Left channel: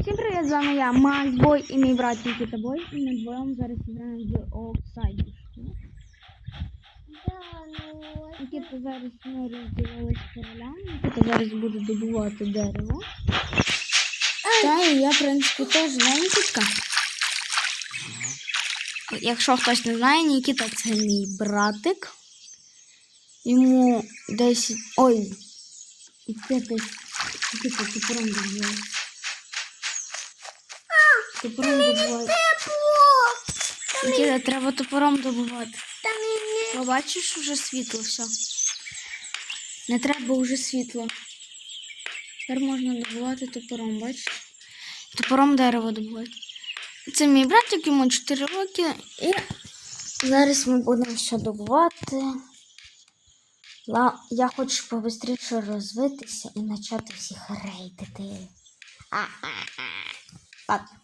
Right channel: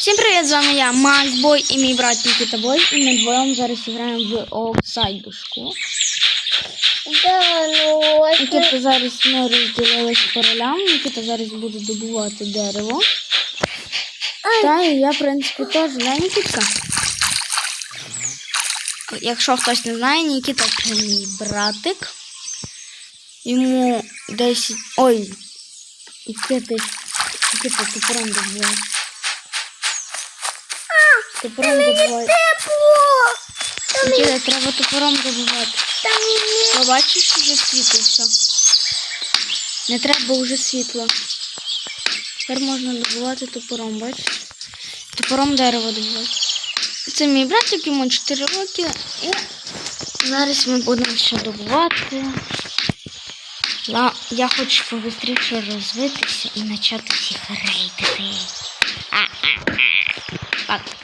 Всім привіт, з вами я, Макс Бой і мій брат Нікіта Бой. І ми двоєм зараз граємо в Оксайдушку. Да, ну Нікіта зараз ми розділились по ролям. Нікіта зараз буде добувати дерево. Та і я, в принципі, теж да, Нікітка. Якщо хтось не знає, Нікіта це мій братик. Йому 10. Ой. Нікіта, Нікіта, ти прям добуває. Топором добувати. тепло. Треба топором добувати. Не вже світло все. Не треба вже світло. Тепер можна добувати топором, бачиш? Топором дерево добувати. Це мій братик, йому 4 роки. І зараз ми будемо ще добувати. Я хочу побистріше розвитися і почати всіх рейдити. А-а-а. Так, Натася.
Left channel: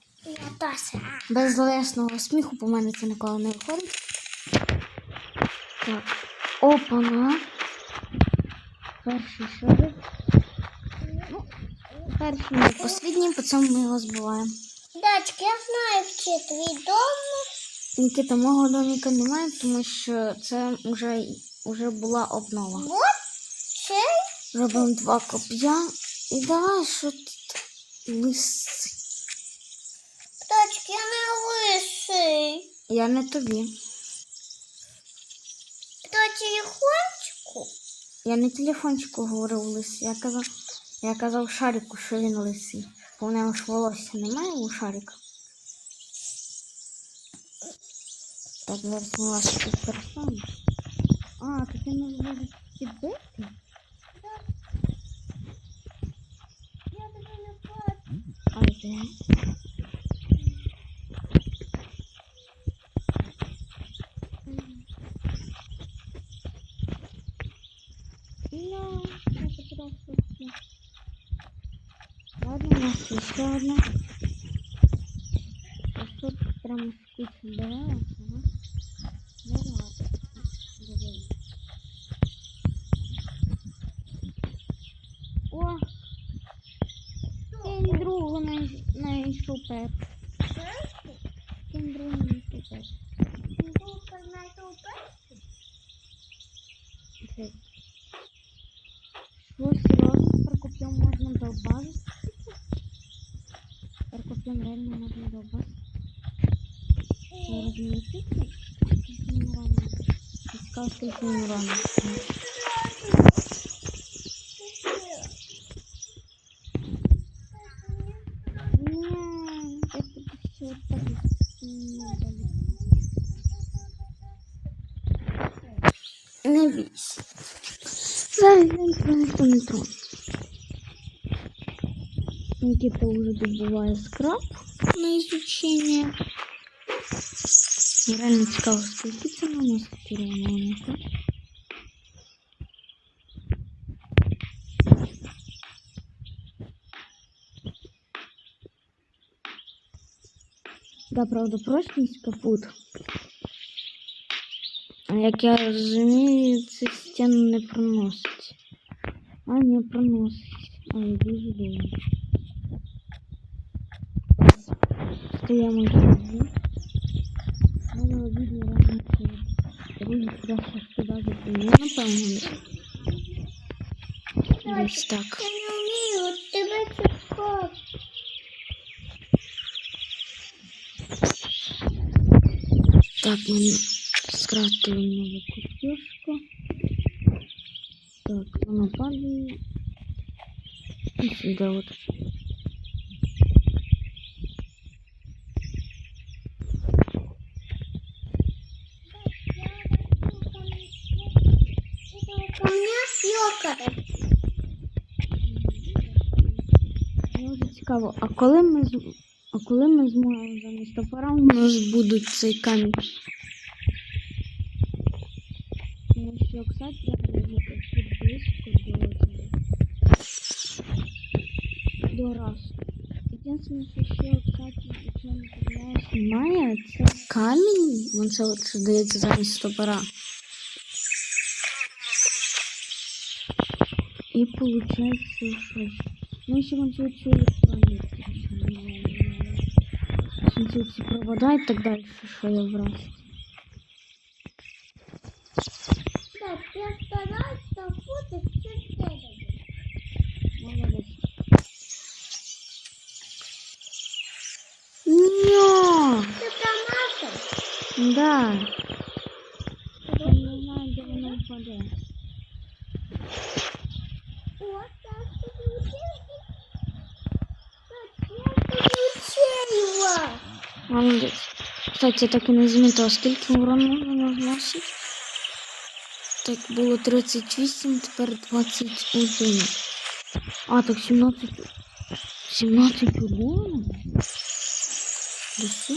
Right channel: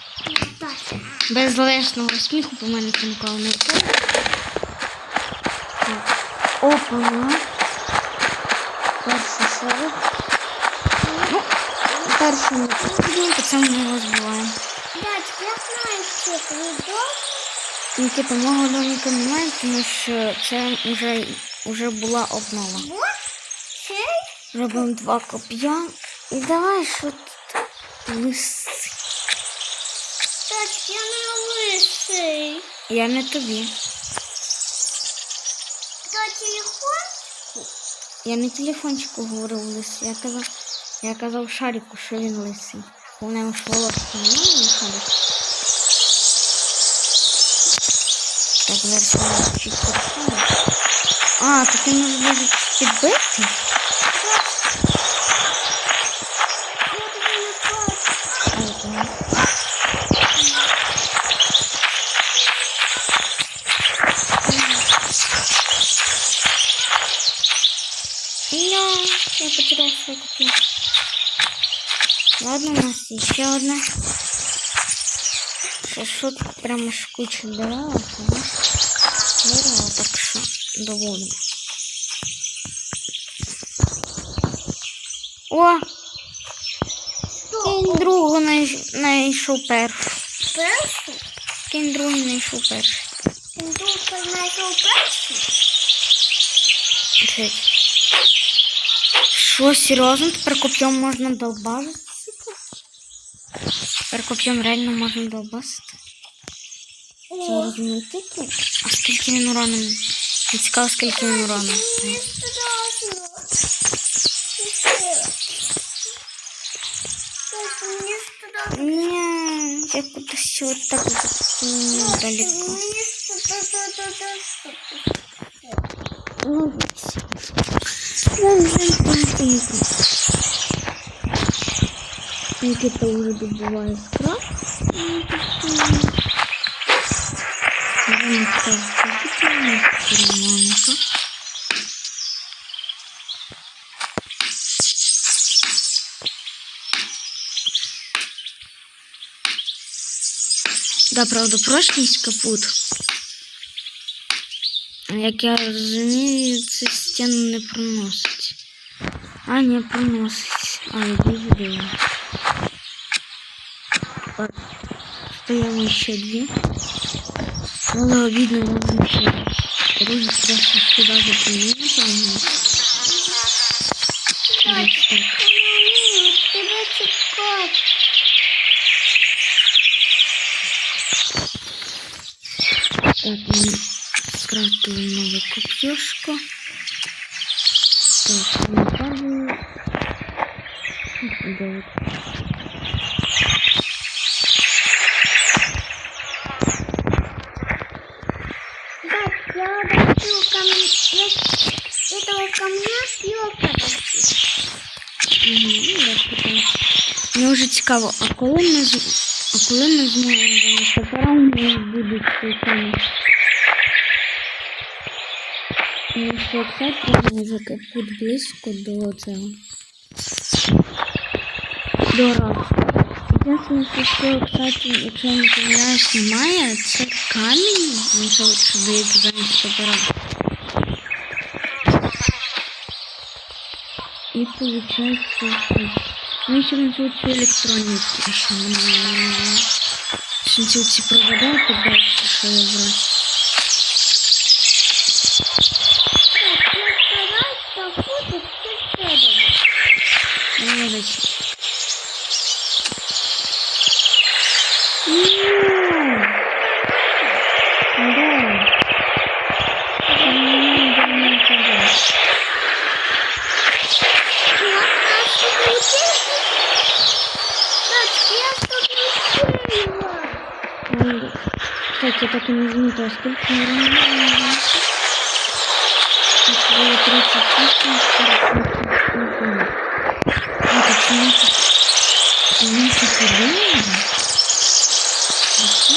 Без лишнього сміху по мене це ніколи не виходить. Так. Опа. Перший шарик. Ну, перший не останній, по цьому ми його збиваємо. Дядь, я знаю, що твій дом. Нікіта, мого домика немає, тому що це вже, вже була обнова. Робимо два коп'я. І давай, що тут лиси. Дядь, я не. Я не тобі. Дядь, телефончику. Я не телефончику говорив лис. Я казав, я казав шарику, що він лисий. В нього ж волосся немає, шарик. Так, зараз у нас чуть. А, так він може даже підбити? Я тобі не хочу. А, я понял. Я, я потерял свой купил. Ладно, еще одна. Що тут прямо ж куча дерев, у дерева, так що доводимо. О! Кінь другу знайш- знайшов першу. Перший? Кінь другий знайшов перший. Ти дуже знайшов перший? Що, серйозно? Тепер коп'єм можна долбазити? Тепер коп'єм реально можна долбасити. Це О, розумієте? А скільки він урону? Не цікаво, скільки він урону. мені страшно. Пішли. Дядь, мені страшно. Ні, я кудись от так далеко. Мені страшно. Не бійся. Нікіта вже добуває скраб на цікаво, скільки це у нас. Да, правда, прочність капут. Як я розумію, це стіну не проносить. А, не проносить. А, дуже дивно. Так, Стоїмо ще дві. Але обідно можна ще другі страшно скидати по мені, напевно. Десь так. Мені тебе чекати. Так, ми скрафтили нову коп'юшку. Так, ми падаємо. І сюди от. Дядь, я хочу камня. Я этого камня ну, прикольно. Мені вже цікаво, а коли ми а коли ми зможемо за у нас буде цей камінь? Що це треба може капут близько до цього. До раку. Єдине, що, кстати, якщо я не помиляюсь, немає, це камінь, він що що дається замість топора. І виходить, що Ну, ще на цю цю електроніку. Що ми... Що ці ці провода, то далі що я брати. Так, Кстати, я так і не замітила, скільки урону можна Так, було 38, тепер 21. А, тут 17. 17 один. Хорошо.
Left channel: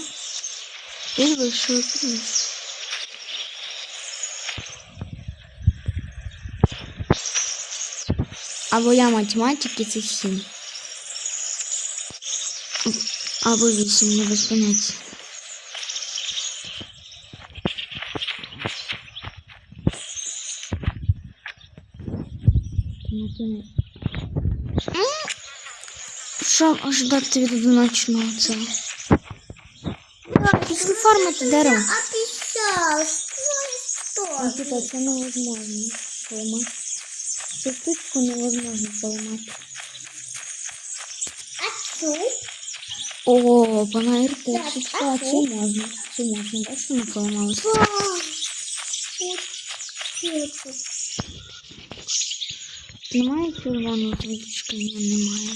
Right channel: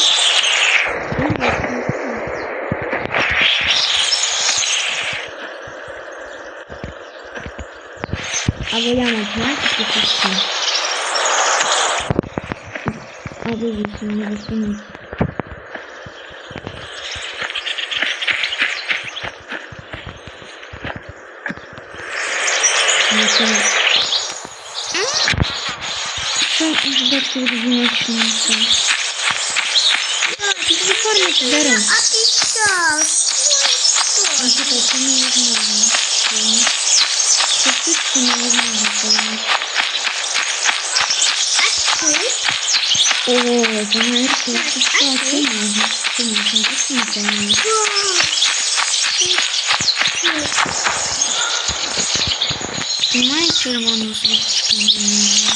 И большой класс. Або я математики, це 7. Або 8, не без поняття. Не понял. Що ожидати від одиночного цього? Після фармити дерево. Описал. Ну, типа, це невозможно. поймати. Це штучку невозможно поймати. А ты? О, понаверку, це що, це можна. Це можна, так не Немає червоного звичка? Немає.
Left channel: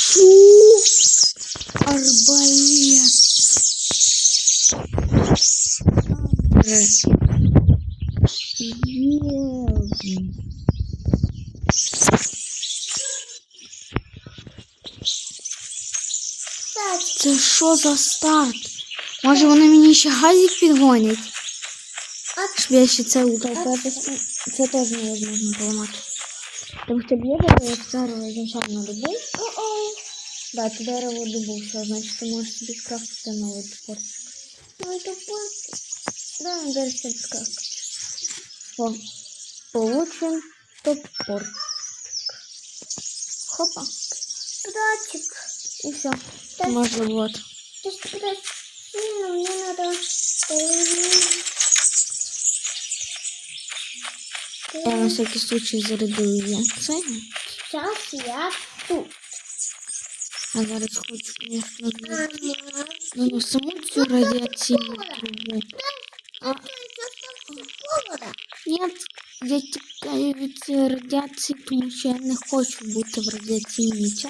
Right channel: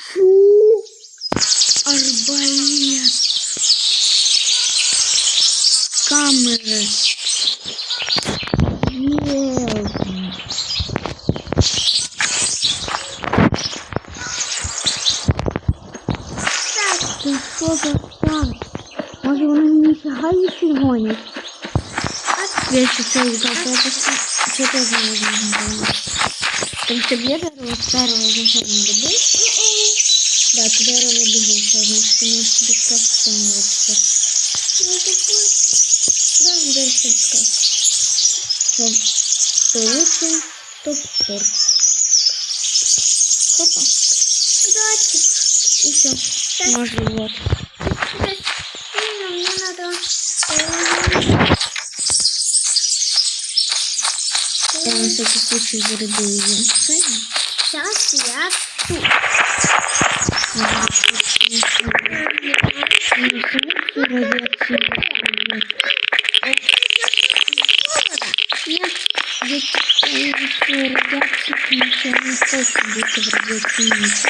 Фу! Арбалет! Камери! Це що за старт? Може вони мені ще газик підгонять? Я ще це лутав, я просто це теж не можна поламати. Тому що б'є дерево з першого значення добив. Да, ти дерево добив, що значить ти можеш собі сказку встановити тепер. ну так Да, он дальше сказку. Що? Получим топор. Хопа. братик. І все. Можна вот. Ну, мне надо... Я на всякий случай зарядив її. Це Сейчас я... Мінус цю радіаційну трубу. Нет, я тікаю від цієї радіації, тому що я не хочу бути в радіаційній цій.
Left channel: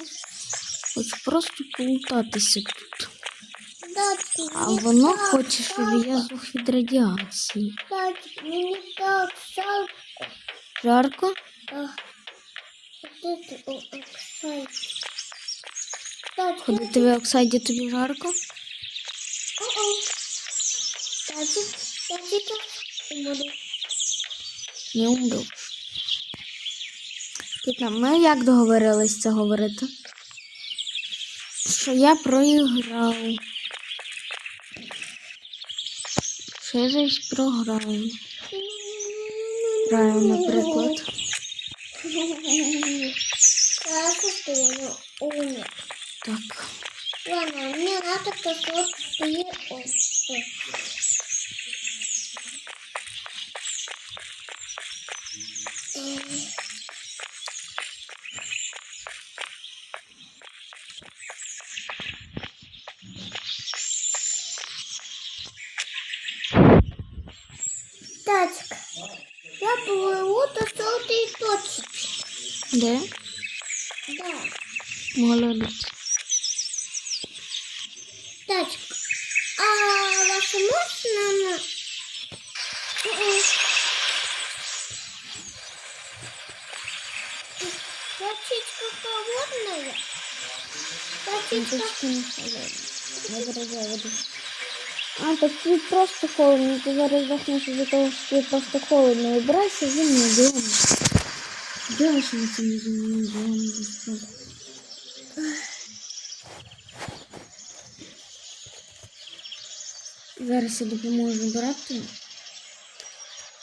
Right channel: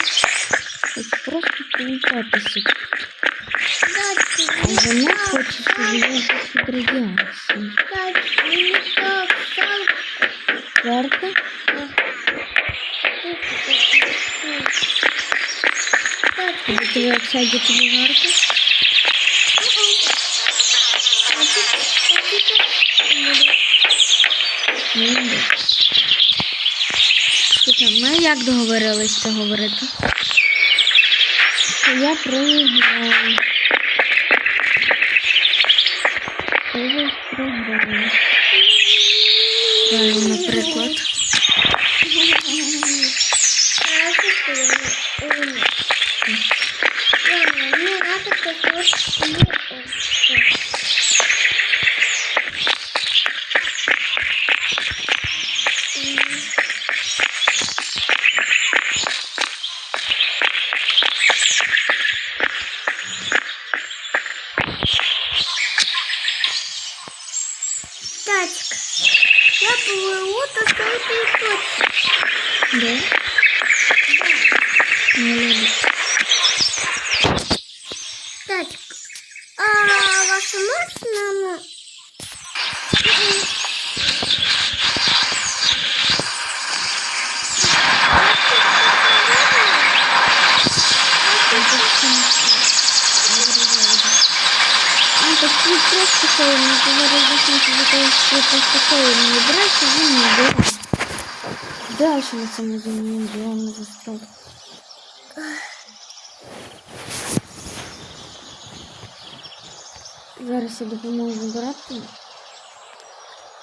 Хочу просто полутатися тут. Братик, А воно хоче, щоб я жив від радіації. братик, мне так жалко. Жарко? Коли ти в оксайді тобі жарко? Ми як договорились це говорити? Що я проіграю. Що зараз програю? Граю, наприклад. Ну, так ты просто холодно, ты говоришь, за того, что я просто холодно убирайся, вы не убираете. Дальше на самом деле не делаем за что. Зараз я допоможу вибирати.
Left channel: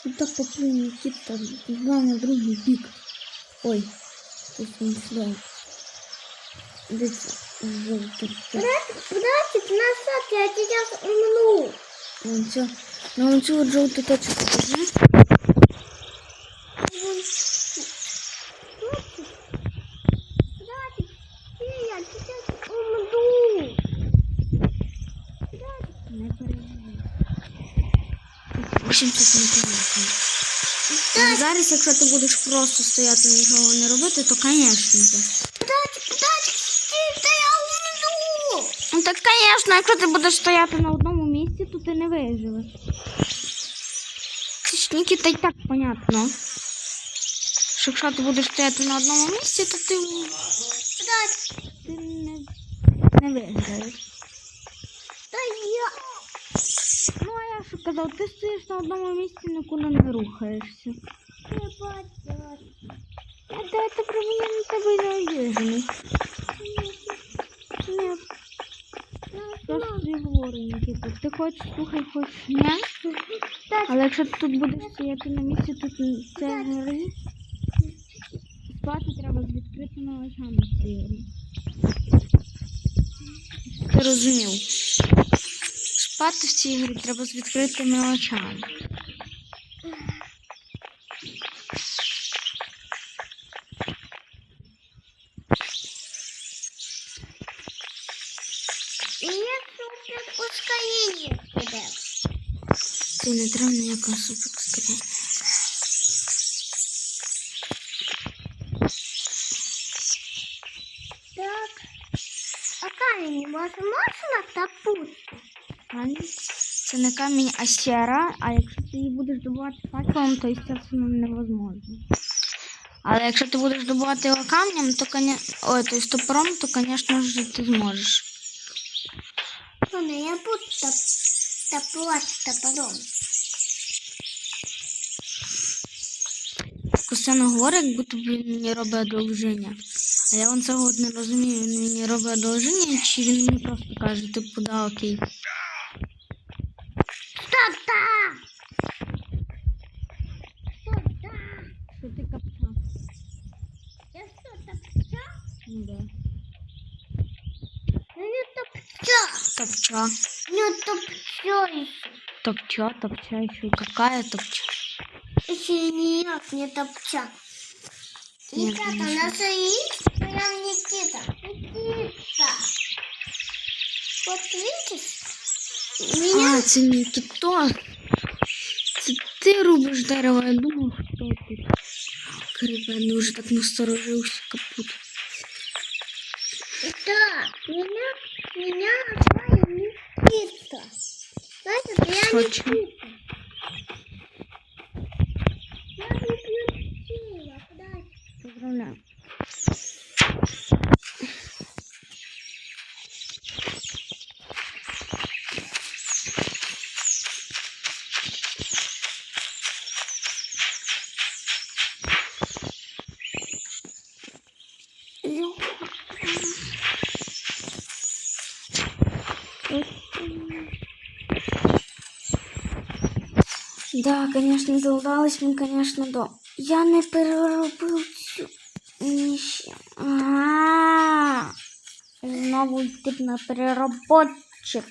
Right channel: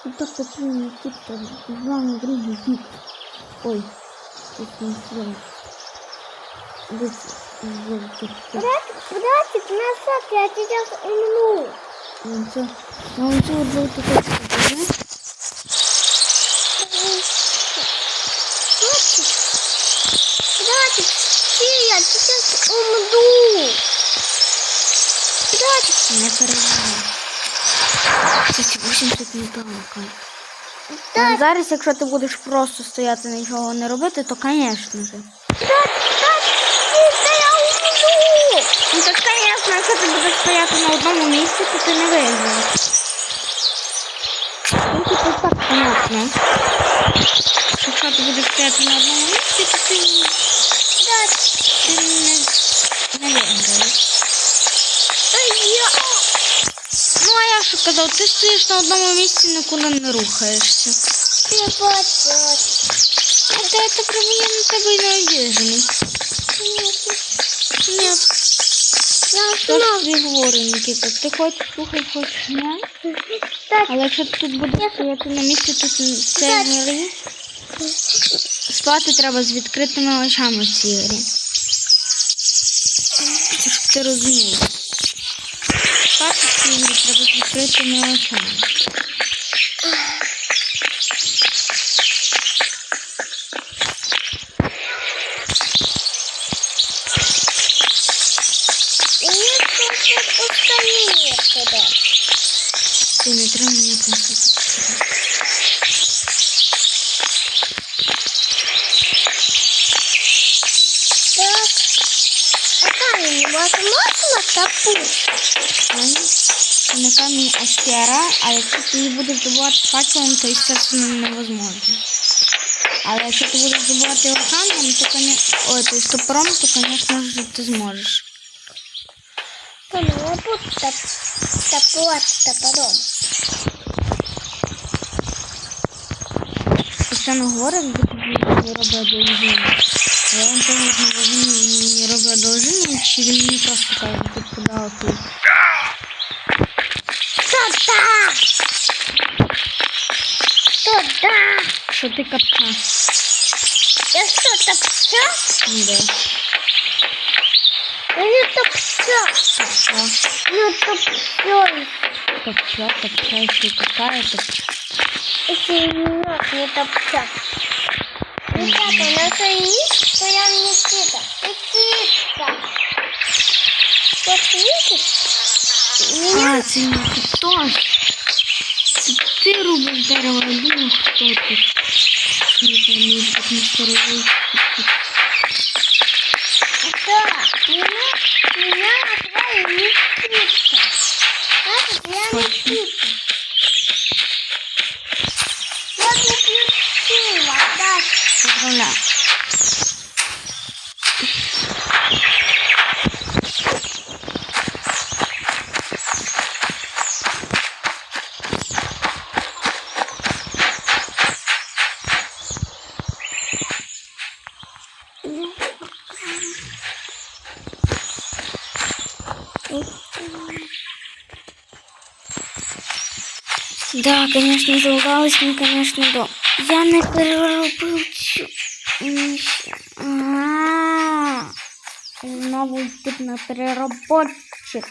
Тут так поплив Нікіта, пішла на другий бік. Ой, тут не сюди. Братик, назад, я тебя умну. Вон цю, на вон цю от точку. Братик, все, я сейчас умну. Братик, Не переживай. Це 80 метрів. А зараз, якщо ти будеш просто стояти і нічого не робити, то, звісно братик, Ну так, звісно, якщо ти будеш стояти на одному місці, то ти не виживеш. Тільки ти так понятно. Що Якщо ти будеш стояти на одному місці, то ти, Братик, ти не, не виграєш. а я... Ну, а я що казав, ти стоїш на одному місці, нікуди не рухаєшся. Я бачу. А де це прямо я на тебе й не обіжений. Ні, Я Що ж тобі говорю, Нікіта, ти хоч слухай, хоч ні. Але якщо ти тут будеш стояти на місці, тут це не гри. Спати треба з відкритими очами в цій грі. Це щоб ти розумів. Спати в цій грі треба з відкритими очами. И мне что-то устранение туда. Ти не треба ніякого супер. Так. А камень невозможно топу? Це не камінь, а сера, а якщо ти її будеш добувати факелом, то, естественно, невозможно. Але якщо ти будеш добувати його камнем, то, коня... Ой, то есть топором, то, звісно ж, ти зможеш. Да ну я буду топ... топорать топором. Постійно говорить, якби тобі не робить одолження. А я вам цього не розумію, він мені робить одолження, чи він мені просто каже, типу, да, окей. Що ти капка? Я что, топча? Да. Я не топча. Капка. Ну топча. Топча, топча, ще й какая топча. Если нет, не топча. Ребята, на свои, что я Никита. Никита. Вот видишь? Меня А, це не. Це ти рубиш дерево, я думав, хто тут. Круто, мені так не старовий. Да, меня, меня назвали Никита. Знаешь, я Точно. Никита. Я заключила, да. Поздравляю. Да, конечно, залагалось мне, конечно, да. Я не переробив цю. Ага. Знову йти на переработчик.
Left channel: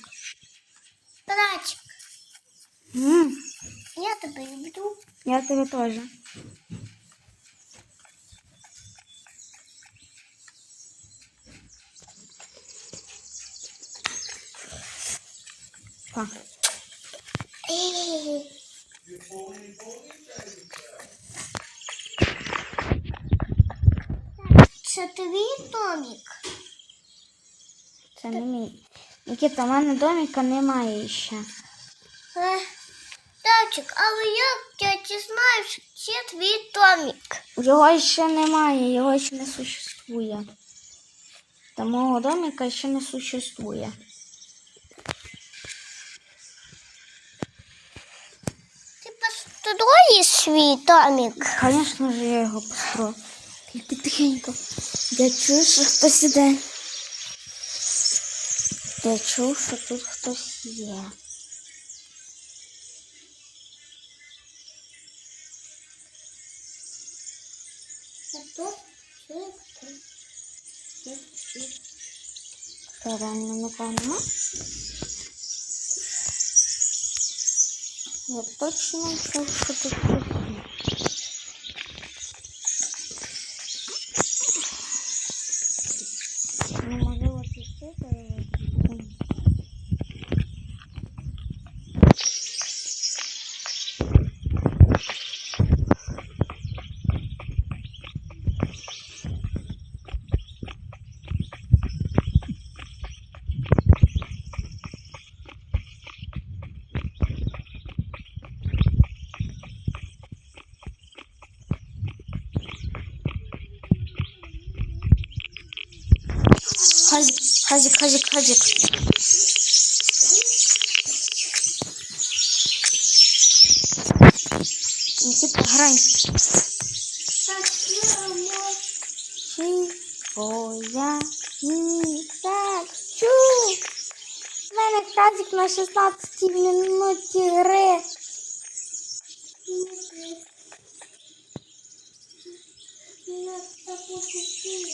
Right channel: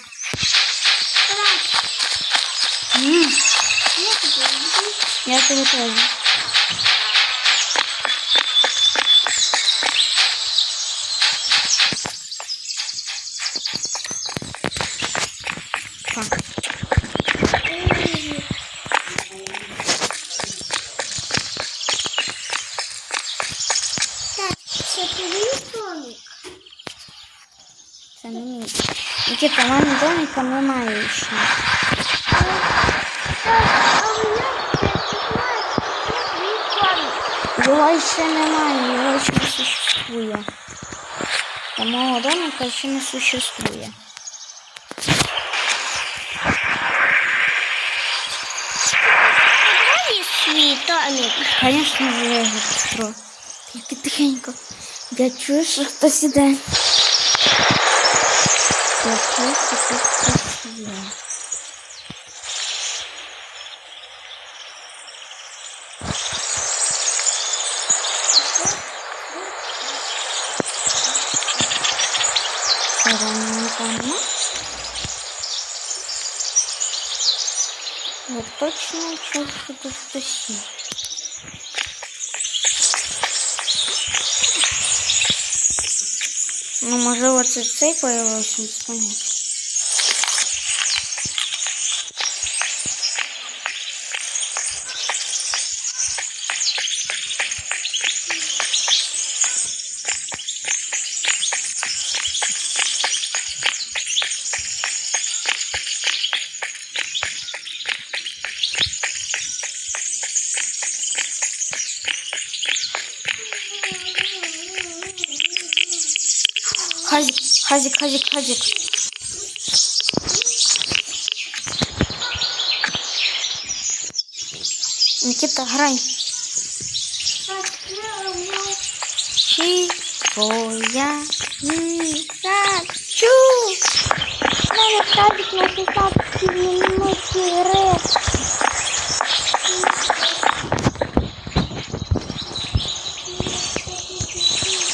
Я. Тебе теж. Так. Так, це твій домик. Це не мій. Нікіта, в мене домика немає ще. Так, а як ти знаєш, це твій домик? Його ще немає, його ще не существує. Та мого домика ще не существує. Подивись свій домик. Конечно же, я його построю. Тільки тихенько. Я чую, що хтось іде. Почався тут хтось є. Рано Вот точно чувствую, что тут хтось. Ну, можливо, це цей появився, Хазик, хазик, хазик, хазик. Никита, грай. Чего я не хочу? У мене тазик на 16 минуті гри.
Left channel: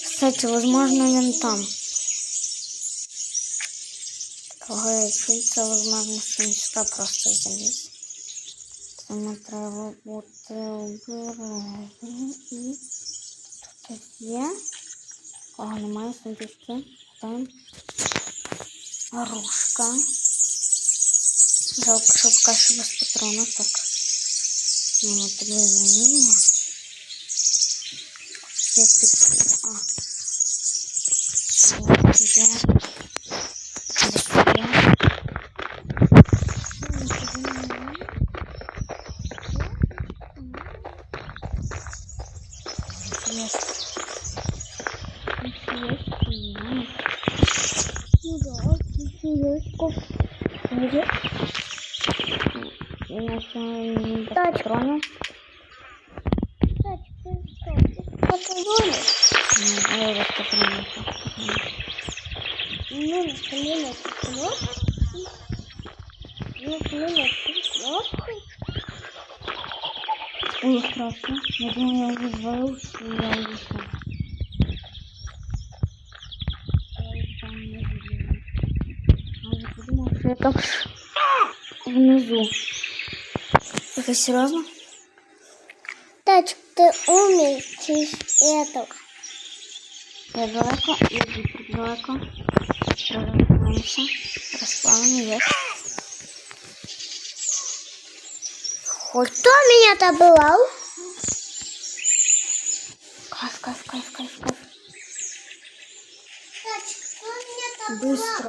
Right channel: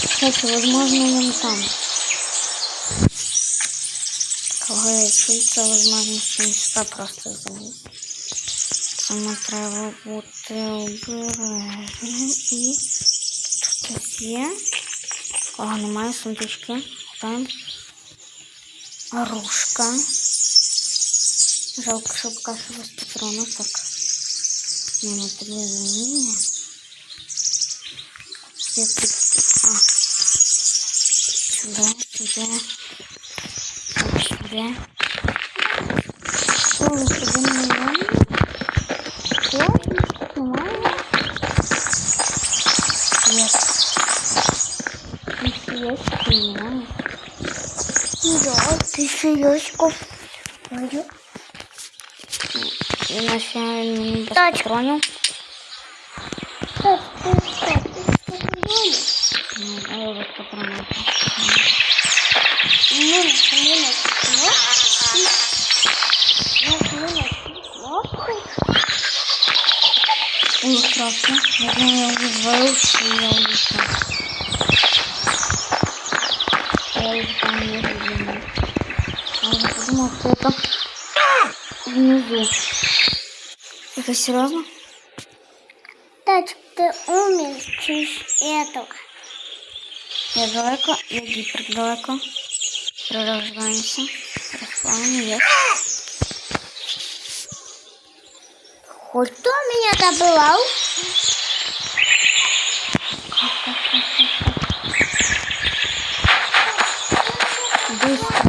Кстати, возможно, он там. Кого я чується, возможно, що він сюди просто заліз. Тому треба бути обережним і тут хтось є. Кого немає, сундучки. Там оружка. Жалко, що кашу без патрона, так. Ну, на тебе заміння. Я тут... А. Сюда, сюда. Тут сюда. О, ви сюди не можна? Що? Немає? Нет. Ящики немає. Да, ти серйозко. І на ще не без Тачка. патронів. Так, ти що, ти спокійно? Ну, а я без патронів. Ну, ми на кнопку. Ну, ми на кнопку. Ой, страшно. Я думаю, я уже звалился, и я улетел. Я уже там не видела. А я хлопа внизу. Это серьезно? Тачка, ты умеешь этого. Я далеко, я гипер далеко. Продолжаемся. Расплавлен вверх. Хоть кто меня добывал? Быстро.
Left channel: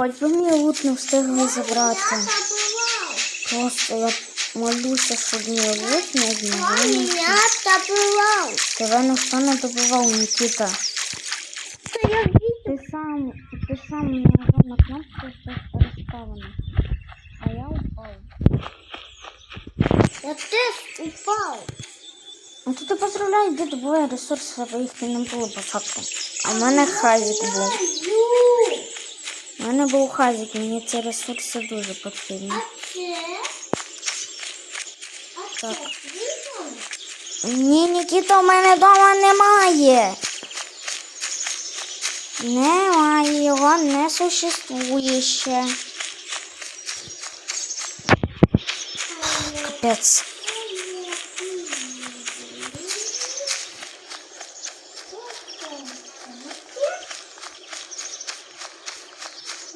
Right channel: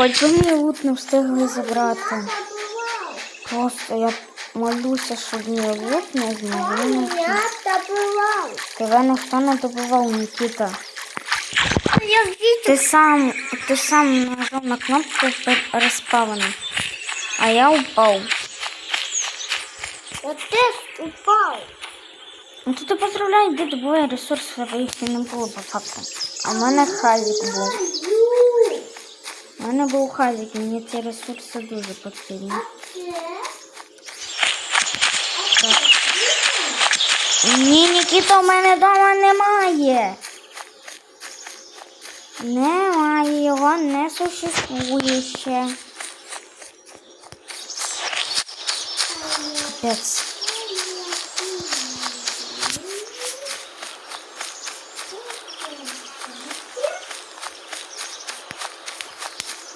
Хоч би мені лут не встигли забрати. Просто я молюся, щоб мені лут не змогли. Тебе ніхто не добивав, Нікіта. Ти сам, ти сам нажав на кнопку розпавлено. А я упав. Я теж упав. Ну то ти поздравляй, ресурси, бо їх і не було посадку. А в мене хазик був. У мене був хазик, мені ці ресурси дуже потрібні. Ні, Нікіта, у мене вдома немає. Немає, його не существує ще. Капець.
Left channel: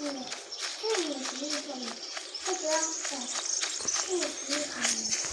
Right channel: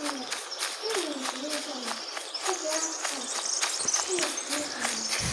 这个这个也不用放了这个要放这个也可以放。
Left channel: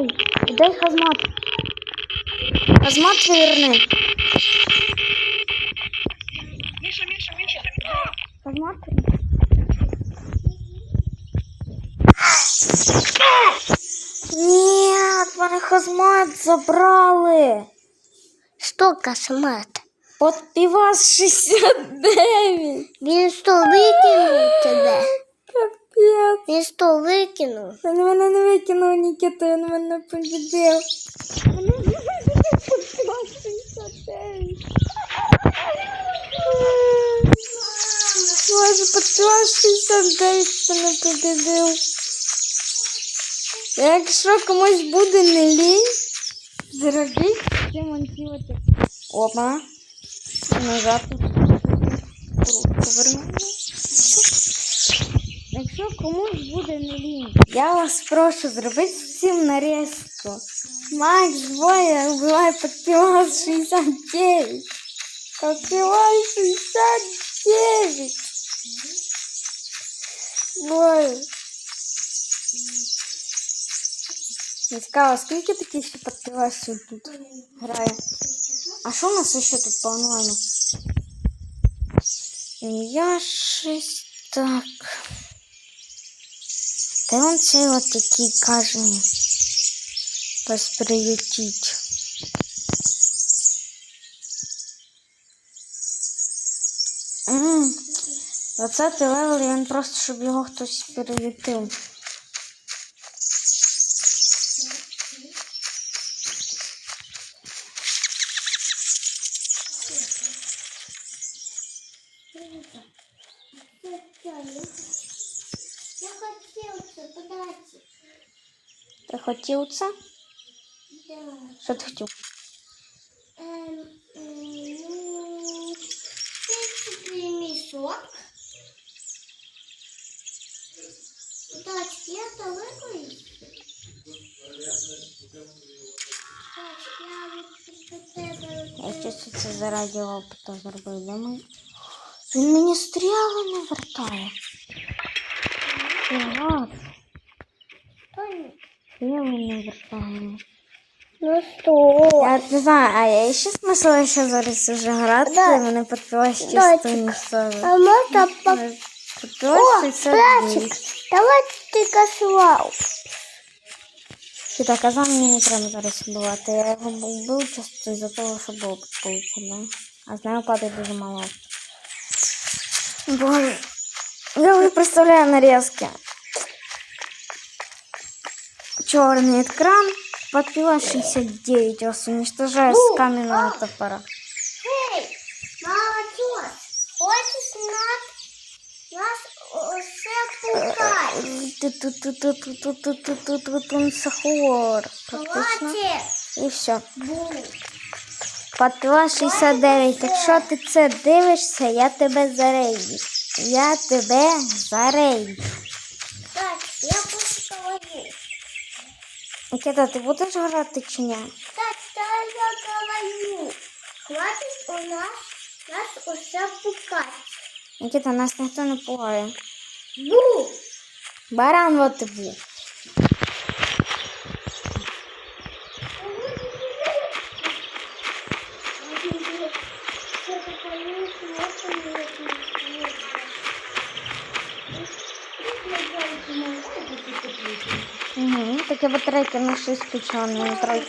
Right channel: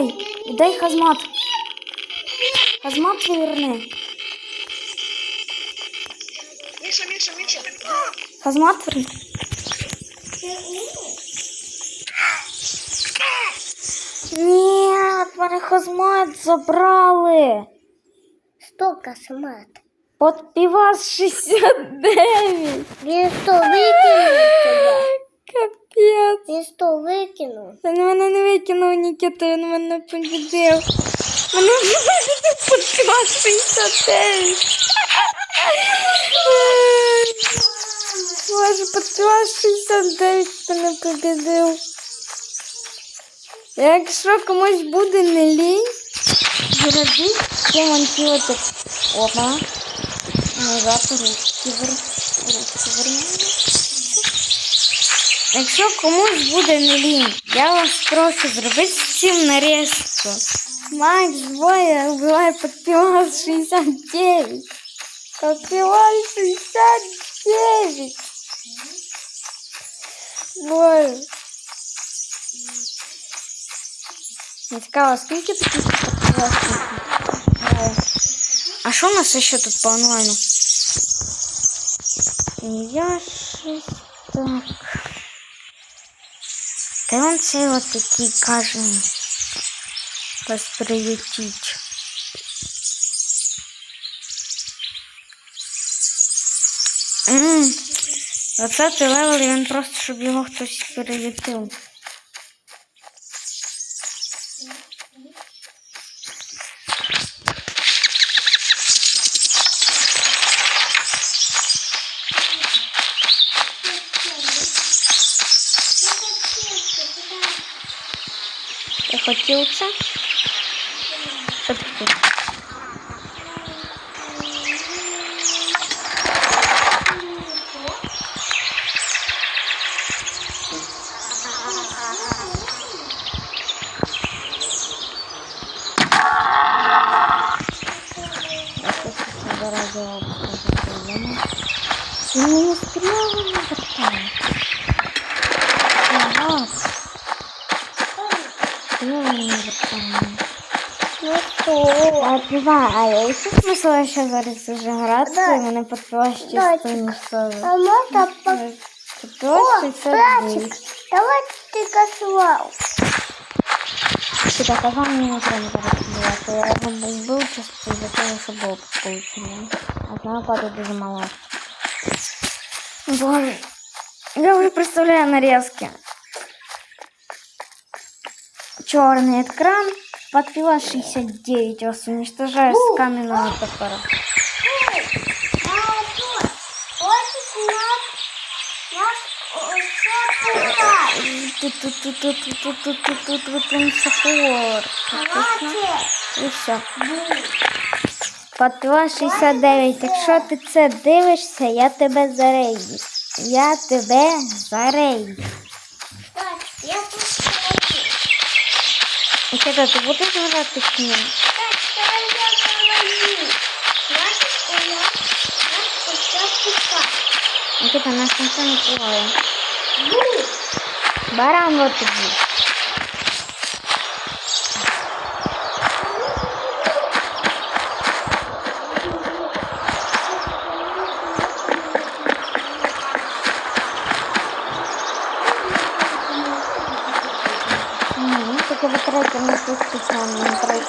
Віддай. Віддай хазмат. Хазмат верни. Миша, Миша, Миша. Хазмат верни. Ні, мене хазмат забрали. Що космат? От півас 69. Він що, викинув тебе? Капець. Він що викинув? Він мене не викинув Нікіта, він мене побідив. Мене подпіла 69. Боже, подпіла 69 мене побідив. Якщо комусь буде не лінь, зробіть демонтувати. Опа. Назад повернемо. Якщо комусь буде не лінь, я вас прошу зробити всім нарізку. Макс двоє вбиває подпівал 69. Подпівал 69. Боже. Не цікаво, скільки таких подпівалів грає? А що у нас ще тут по онлайну? Я щось так. Он цей от такий каже. Вас. Ммм. 20 левел, він просто, щоб його хтось переютив. Ти хотів це? Що ти хотів? Я хочу це заради опыта запилимо. Він мені стрілу не вертає. Ага. Стрілу не вертає. Ну що? Я не знаю, а я ще смисла ще зараз вже грати, Да. мене чисто Давайте. нічого. А можна по... Підпилась О, 69. Давай ти косував. Ти так казав, мені не треба зараз вбивати. Я його вбив чисто із-за того, що було получено. А з нього падає дуже мало. Боже. Я вже представляю нарезки. Черный экран. Подпила 69. Вас уничтожаю с каменного топора. Тут сахар. І все. Подпила 69. Якщо ти це дивишся, я тебе зарейдю. Я тебе зарейдю. Так, я тут стою. Нікіта, ти будеш грати чи ні? Так, та я говорю. Значить, у нас, ніхто не пугає. Баран вот тобі. Угу, таке батарейка не щось третє.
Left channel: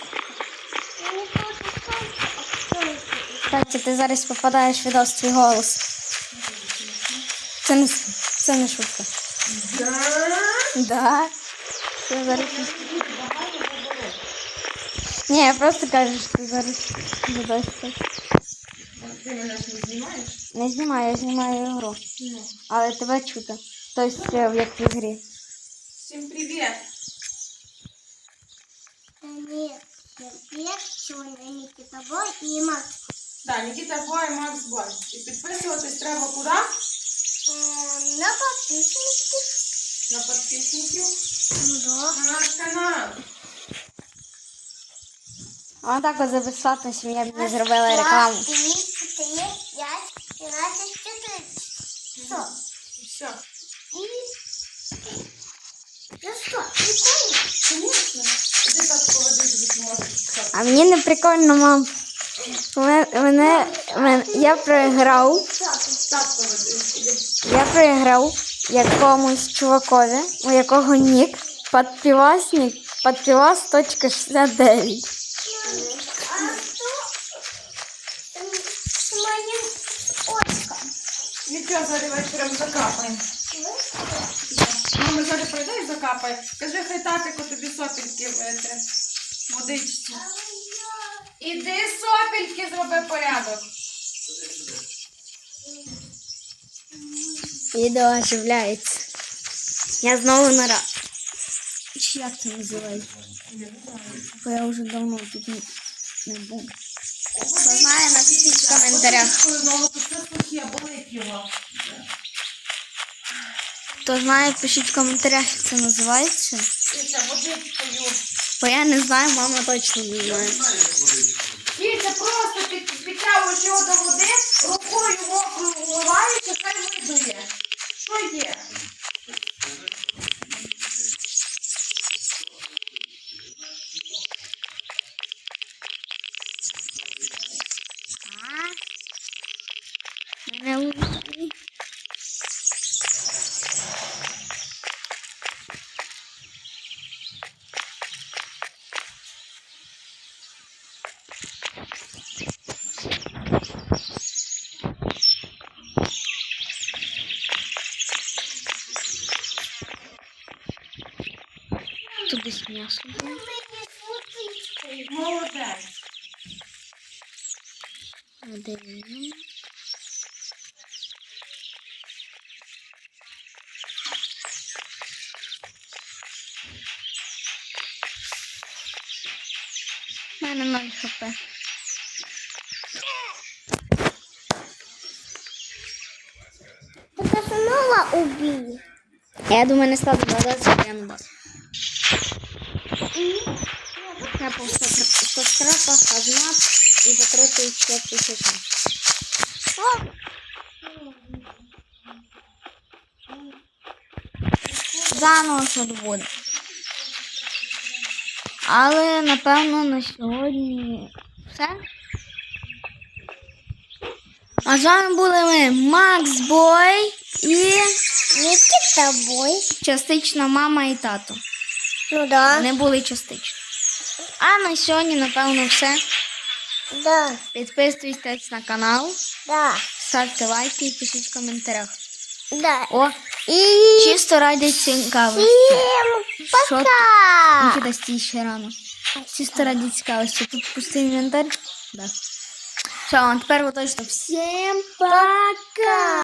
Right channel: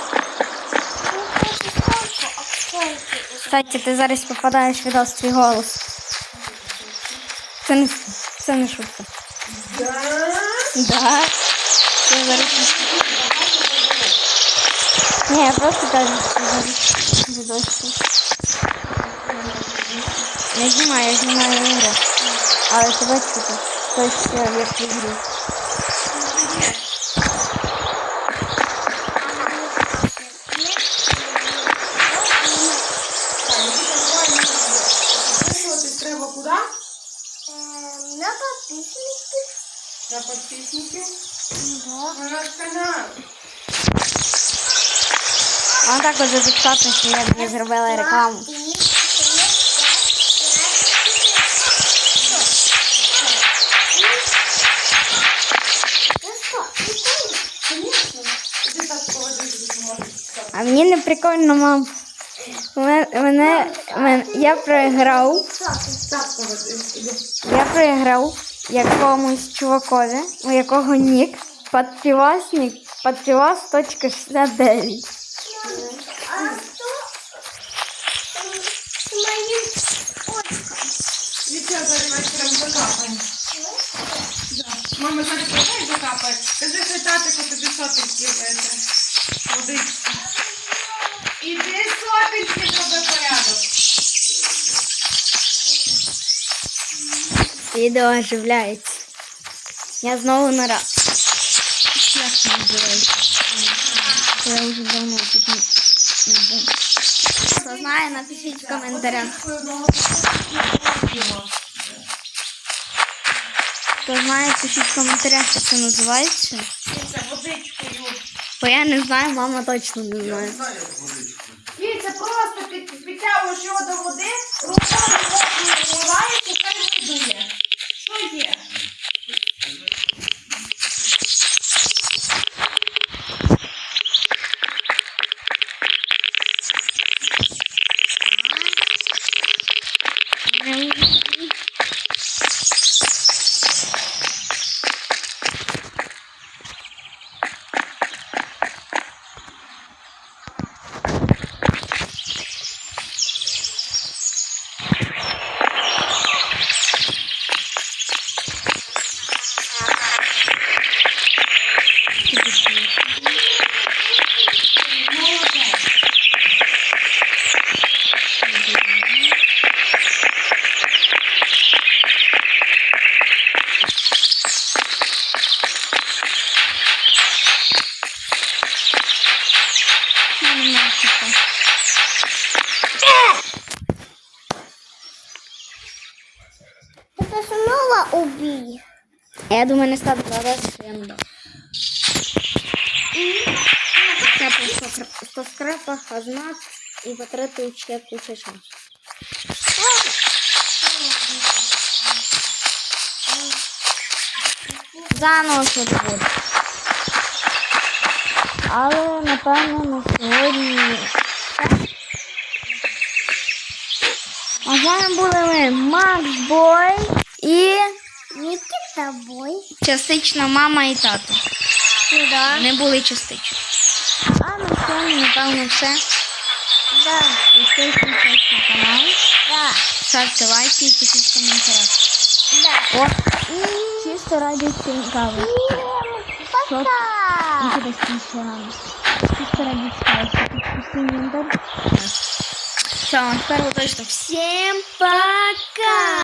Кстати, ти зараз попадаєш в відос твій голос. Це не, це не шутка. Да? Да. Я зараз... Ні, я просто кажу, що зараз відос. Я знімаю, я знімаю ігру. Але тебе чути. Тобто, е, як в ігрі. Підписуватись треба куди? Ем, На На підписників. На наш канал. А так от записати, що я тобі зробила рекламу. А мені не прикольно, мам. Мене, мене, мене, я проіграв. Я проіграв якомусь чувакові, у якого нік подпівасник, подпівас.69. Вітя зараз вечором закапаємо. Мама зараз прийде і закапає. Кажи, хай татику тобі сопельки витре. Водички. Іди сопельки зроби порядок. Відео оживляється. Я знову на раз. Як це називається? Я вже давно тут не, був. Хто знає, напишіть в коментарях. Хто знає, пишіть в коментарях, як це називається. Бо я не знаю, мама точно не знає. Дивіться, просто під, підтягуєш його до води, рукою вливаєш, хай видує. Що є? Тобі смішно. Молодець. У мене немає хп. Ти засунула убій. Я думаю, не ставлю зараз, я не. Я по 100 скрапах, азмат і закритий ще тисяча. Заново все доводить. Але, напевно, на сьогодні все. А з вами були ми Макс Бой і Нікіта бой. частично мама і тато. Ну да. Вони були частично. А на сьогодні, напевно, все. Да. Підписуйтесь на канал, Да. ставте лайки і пишіть в коментарях. Да. О, І чисто раді цікавості. всім пока. Нікіда стій ще рано. Чисто раді цікавості. Тут пустий інвентар. Все, тепер ви точно всім пока!